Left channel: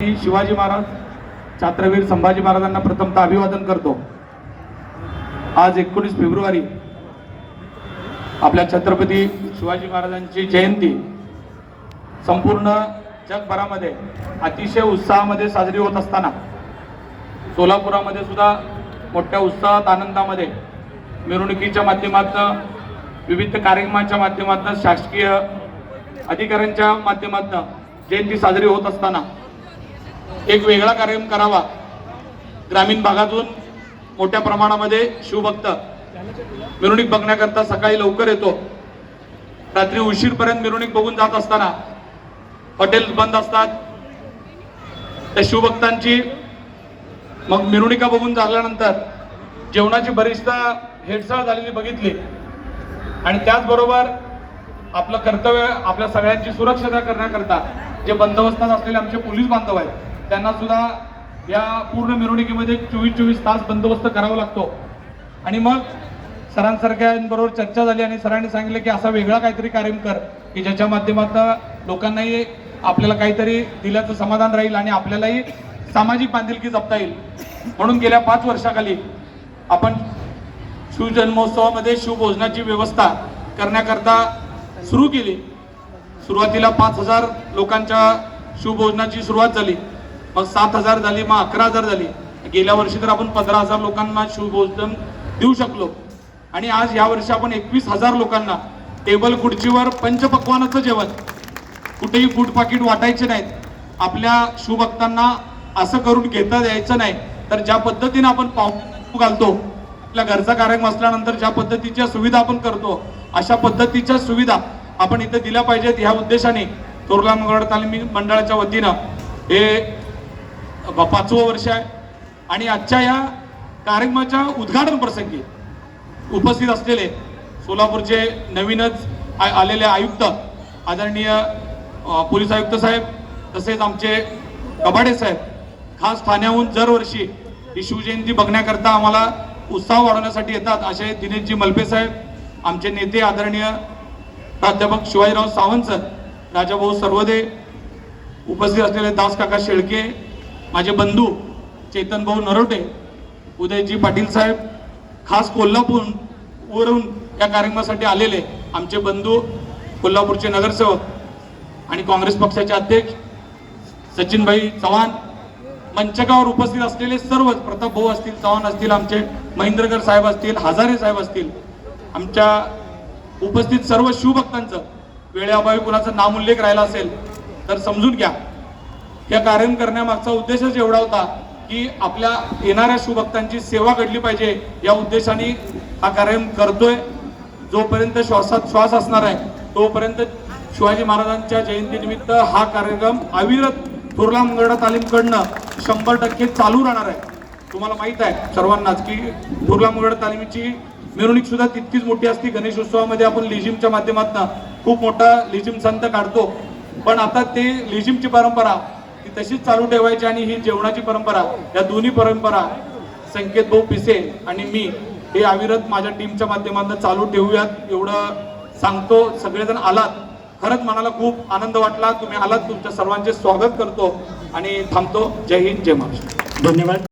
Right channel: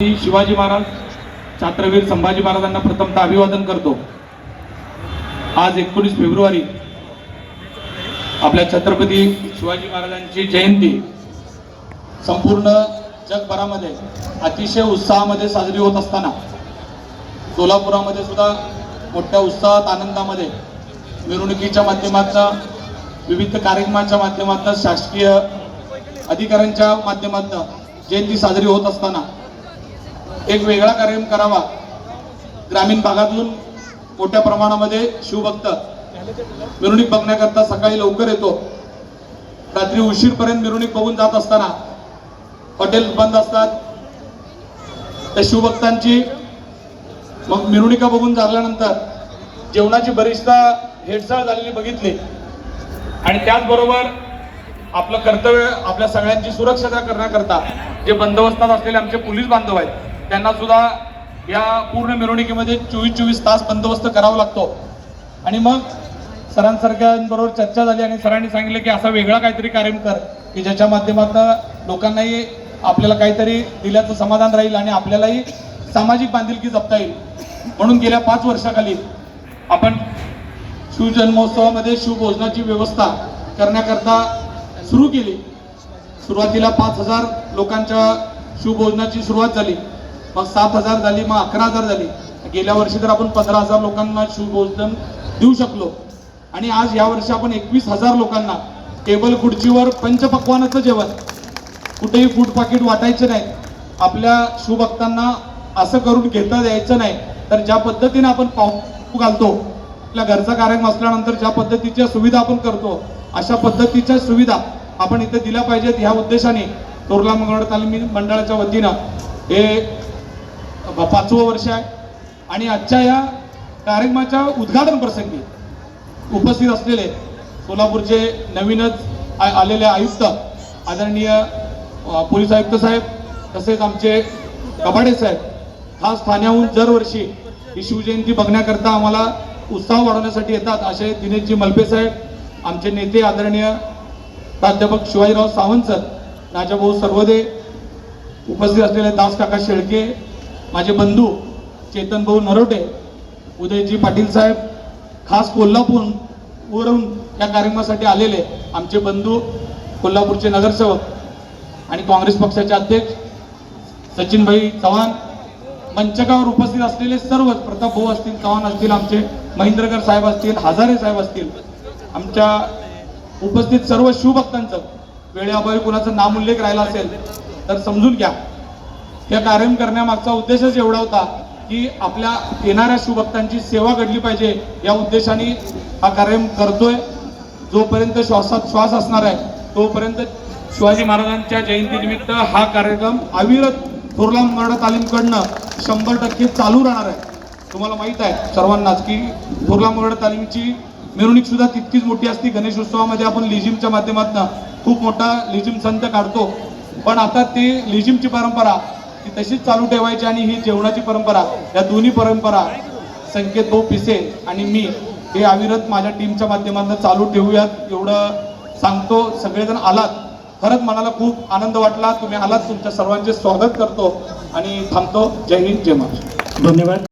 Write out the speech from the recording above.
शिवाजी महाराज छत्रवीर संभाजी महाराजांना प्रथमतः अभिवादन करतो। आज 19 फेब्रुवारी आपल्या छत्रपती शिवाजी महाराजांची जयंती संपूर्ण जगभरामध्ये अतिशय उत्साहामध्ये साजरी होत असताना सोलापुरामध्ये सुद्धा मोठ्या उत्साहात आनंदामध्ये मिरवणुकीच्या माध्यमातून विविध कार्यक्रमांच्या माध्यमातून शासकीय अधिकाऱ्यांच्या माध्यमातून जयंती साजरी होत असताना एक वेगळा कार्यक्रम करावा। ग्रामीण भागातून मोठ्या प्रमाणामध्ये शिवभक्त मिरवणूक बघण्याकरता सकाळी लवकर येतो, रात्री उशीरपर्यंत मिरवणूक बघून जात असताना हॉटेल बंद असतात। त्या शिवभक्तांची मग मिरवणुका बघून झाल्यानंतर जेवणाची बरीचदा हेळसाळ झालेली बघितली आणि त्याचबरोबर आपलं कर्तव्य आपल्या सगळ्यांची सुरक्षा करण्याकरता जे बंदोबस्तात असलेले आमचे पोलीस बांधव आहेत त्यांना सुद्धा या पूर्ण मिरवणुकीमध्ये 24 तास बंदोबस्त करावा लागतो। आणि मग सरांसारख्यांबरोबर चर्चा झाली आणि सरांनी सांगितलं की असा वेगळा काहीतरी कार्यक्रम कर की ज्याच्या माध्यमातून लोकांनाही आपल्याला काहीतरी दिल्याचं समाधान राहील आणि आपल्यालाही सामाजिक बांधिलकी जपता येईल। म्हणून गेल्या 5 वर्षाखाली आपण शिवजन्मोत्सवामध्ये शिवभोजनाची व्यवस्था करण्याकरता सुरू केली। सुरुवातीला 5000 लोकांच्या शिवभोजनाची सुरुवात झाली, मग 7000 झाली, मग 11000 झाली। गेल्या वर्षी तर आपण 15000 लोकांना शिवभोजन देऊ शकलो आणि आज या वर्षी आपण 21000 लोकांना टेबल खुर्चीवर पंचपक्वानाचं जेवण, कुठेही फूड पाकिट वाटायचे नाहीत। आपल्या शिवभक्तांना असं करून घेता द्यायचं नाही, तर ज्या पद्धतीने आपण पाहू घालतो आपल्या घरचा कार्यक्रम असल्यानंतर ज्या पद्धतीच्या सुविधा आपण करतो अशा पद्धतीच्या सुविधा आपण इथे दिल्या पाहिजेत। ह्या उद्देशाने तोरला मंगळ तालीम मंडळाच्या वतीनं हे 5वं वर्ष आहे आणि आजच्या या कार्यक्रमाच्या उद्घाटन प्रसंगी उपस्थित असलेले सोलापूरचे नवीनच आलेले आयुक्त आदरणीय पोलीस आयुक्त साहेब, तसेच आमचे कबाडे साहेब खास ठाण्याहून दरवर्षी ही शिवजयंती बघण्याकरता आम्हाला उत्साह वाढवण्यासाठी येतात असे दिनेशजी मलपे साहेब, आमचे नेते आदरणीय प्राध्यापक शिवाजीराव सावंत सर, राजाभाऊ सर्वदे, उपस्थित असलेले दास काका शेळके, माझे बंधू चेतन भाऊ नरोटे, उदयजी पाटील साहेब, खास कोल्हापूरवरून या कार्यक्रमासाठी आलेले आमचे बंधू कोल्हापूरचे नगरसेवक आणि काँग्रेस पक्षाचे अध्यक्ष सचिनभाई चव्हाण, मंचकावर उपस्थित असलेले सर्व प्रताप भाऊ असतील, चव्हाण असतील, आमचे महेंद्रकर साहेब असतील, हजारे साहेब असतील, आमच्या उपस्थित सर्व शिवभक्तांचं वेळेअभावी कुणाचं नामोल्लेख राहिला असेल तर समजून घ्या। या कार्यक्रम करण्यामागचा उद्देशच एवढा होता की आपल्या येणाऱ्या शिवभक्तांची सेवा घडली पाहिजे या उद्देशाने हा कार्यक्रम करतोय। जोपर्यंत श्वासात श्वास असणार आहे तोपर्यंत शिवाजी महाराजांच्या जयंतीनिमित्त हा कार्यक्रम अविरत तोरला मंगळ तालीमकडनं 100% चालू राहणार आहे। तुम्हाला माहित आहे सर्वांनाच की तोरला मंगळ तालीमची मिरवणूक सुद्धा तितकीच मोठी असते। गणेशोत्सवामध्ये आपण लेझिमच्या माध्यमातून खूप मोठा लेझिम संत काढतो, पण आता ते लेझिमची परंपरा ती तशीच चालू ठेवायची आणि ही जेवणाची परंपरा, या दोन्ही परंपरा संकेत भाऊ पिसे आणि मी हे अविरत माझ्या टीमच्या माध्यमातून चालू ठेवूयात एवढं सांगतो। सगळेजण आलात, खरंच मनाला खूप आनंद वाटला, तुम्ही आलात, तुमच्या सर्वांचे स्वागत करतो आणि थांबतो। जय हिंद, जय महाराष्ट्र, धन्यवाद।